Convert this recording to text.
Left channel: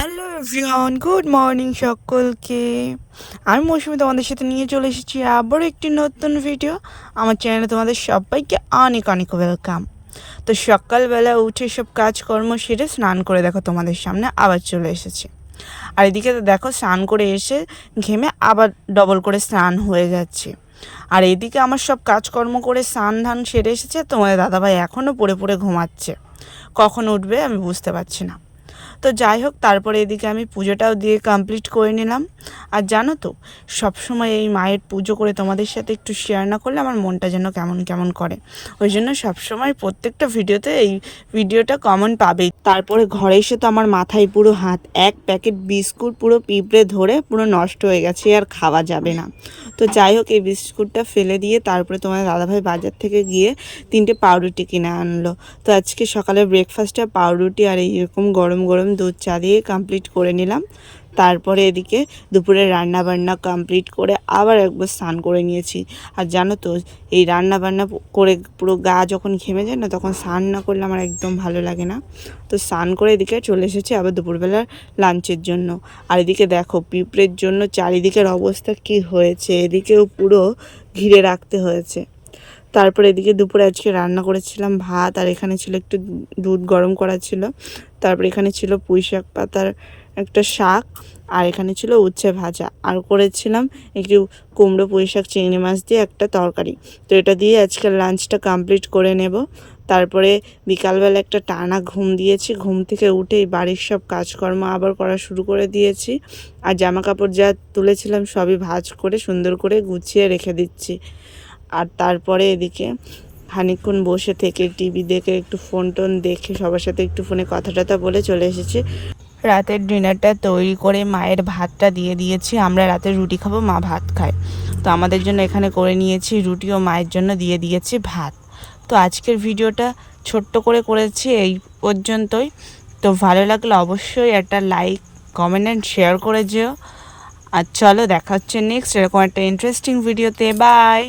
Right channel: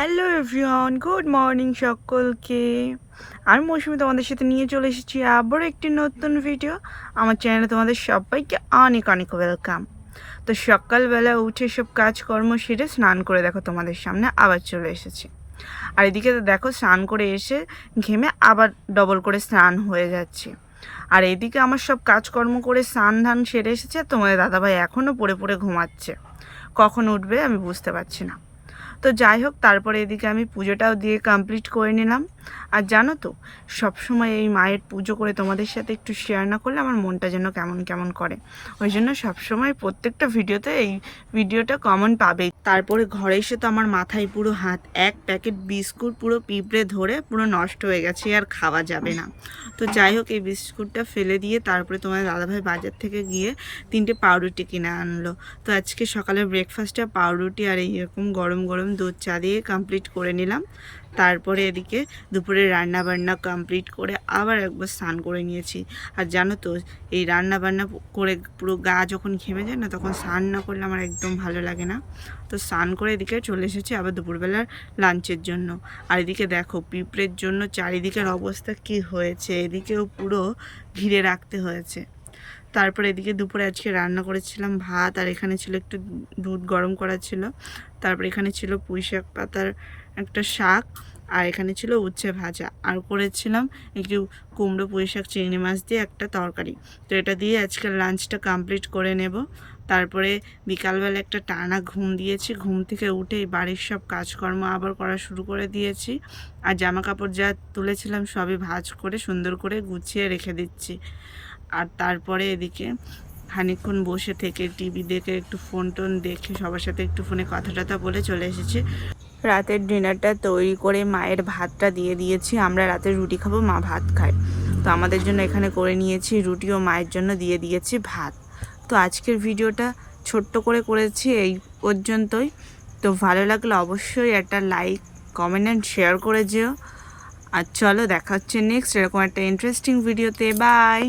Hello everyone, good morning সকলকে। আমি মৌসুমি তোমাদের সাথে নিয়ে চলে এসেছি আবার একটি নতুন ভিডিও। আমার চ্যানেলে তোমাদের সবাইকে অনেক অনেক ওয়েলকাম। তো সকালবেলা উঠে সব কাজকর্ম সেরে স্নান করে দেখো তোমাদের সামনে আবার চলে এসেছি। আর এদিকে তো দেখো স্নান করে এসে ঘেমে আবার ডবল করে স্নান হয়ে যাচ্ছে। আর এদিকে আমার সব কাজকর্ম করে স্নান ধান সেরে এসেছে, তোমাদের দাদাভাই এখনও পড়ে পড়ে ঘুমাচ্ছে। কখন উঠবে আমি বুঝতে পারছি না। তো যাই হোক, তারপরে এদিকে আমি পুজোটাও দিয়ে কমপ্লিট করে নিলাম। আর জানো তো, সবসময় এই মায়ের পুজো করে তোমাদের সাথে একটু শেয়ার না করলে আমার মনটা যেন কেমন কেমন করে। ওই জন্য সবসময় প্রত্যেকটা ভিডিওতে এই ভিডিওটা কমন পাবেই। তারপরে ঘরে এসে তো আমার মাথায় পুরো হাত, এক প্যাকেট বিস্কুট পুরো পিঁপড়ে ধরে পুরো নষ্ট হয়ে গেছে, আর খাওয়া যাবে না। তো যাই হোক, এই বিস্কুটটা ফেলে দিয়ে তারপরে তোমার দাদাভাই বাজার থেকে গিয়ে 3টে পাউরুটি কিনে আনলো। তো আজকে সকালে ব্রেকফাস্টটা পাউরুটি আর এইরকম গরম গরম দুধ চা দিয়ে কমপ্লিট করে নিলাম। তারপরে এদিকে দুপুরে রান্না বান্না কমপ্লিট করে আবার একবার স্নান করে নিয়েছি। আর জানো তো, এই রান্না বান্না করে পুরো গা যখন ঘেমে যায় না, তখন স্নান না করলে আমার একদম ভালো লাগে না। তো স্নান করে এদিকে চলে এসেছি আবার দুপুরবেলার লাঞ্চের জন্য। আর এদিকে দেখো পিঁপড়ের জন্য চারিদিকের অবস্থা কি হয়েছে, এদিকেও পুরো ঘিরে রাখতে হয়েছে। তারপর এদিকে দুপুরে আজকে রান্না করেছিলাম ভাত, আর এখানে ছিল একটু দুধ গরম করা ছিল। তারপর এখানে ছিল পুঁই শাক পাতার একটা শাক, আর এখানে ছিল উচ্ছে ভাজা, আর করেছিলাম একটু কুমড়ো পুঁই শাক চিংড়ি মাছ দিয়ে একটা তরকারি। তো এটা দিয়ে আজকের লাঞ্চটা কমপ্লিট করে নেব। তারপরে বিকালবেলা একটা টানা ঘুম দিয়েছি, ঘুম থেকে উঠেই বাড়ির সব কাজকর্ম আবার করা শুরু করে দিয়েছি। আর জামা কাপড় যা তুলেছিলাম সবই ভাঁজ করে সুন্দর করে গুছিয়ে রেখে দিচ্ছি। আর তারপরে এদিকে খানিকক্ষণ বসে থেকে টিভি দেখে একটু ফোন টোন দেখে সবার সাথে একটু ফোনে কথা টথা বলে চলে এসেছি। রাতের ডিনারটা তৈরি করে মায়ের ভাতটা দিয়ে দিয়েছি। আমরা রাতে রুটি খাবো, মা ভাত খায়। তো আমাদের জন্য এখানে করে নিয়েছি রুটি, ও মায়ের জন্য দিয়ে দিয়েছি ভাত। তো আজকের ভিডিওটা ছোট্ট করে করেছি এই পর্যন্তই। তো ভালো লাগলে অবশ্যই একটা লাইক, কমেন্ট অ্যান্ড শেয়ার করে যেও। আর চলো, দেখা হচ্ছে নেক্সট এরকম একটা ইন্টারেস্টিং ভিডিওতে। বাই।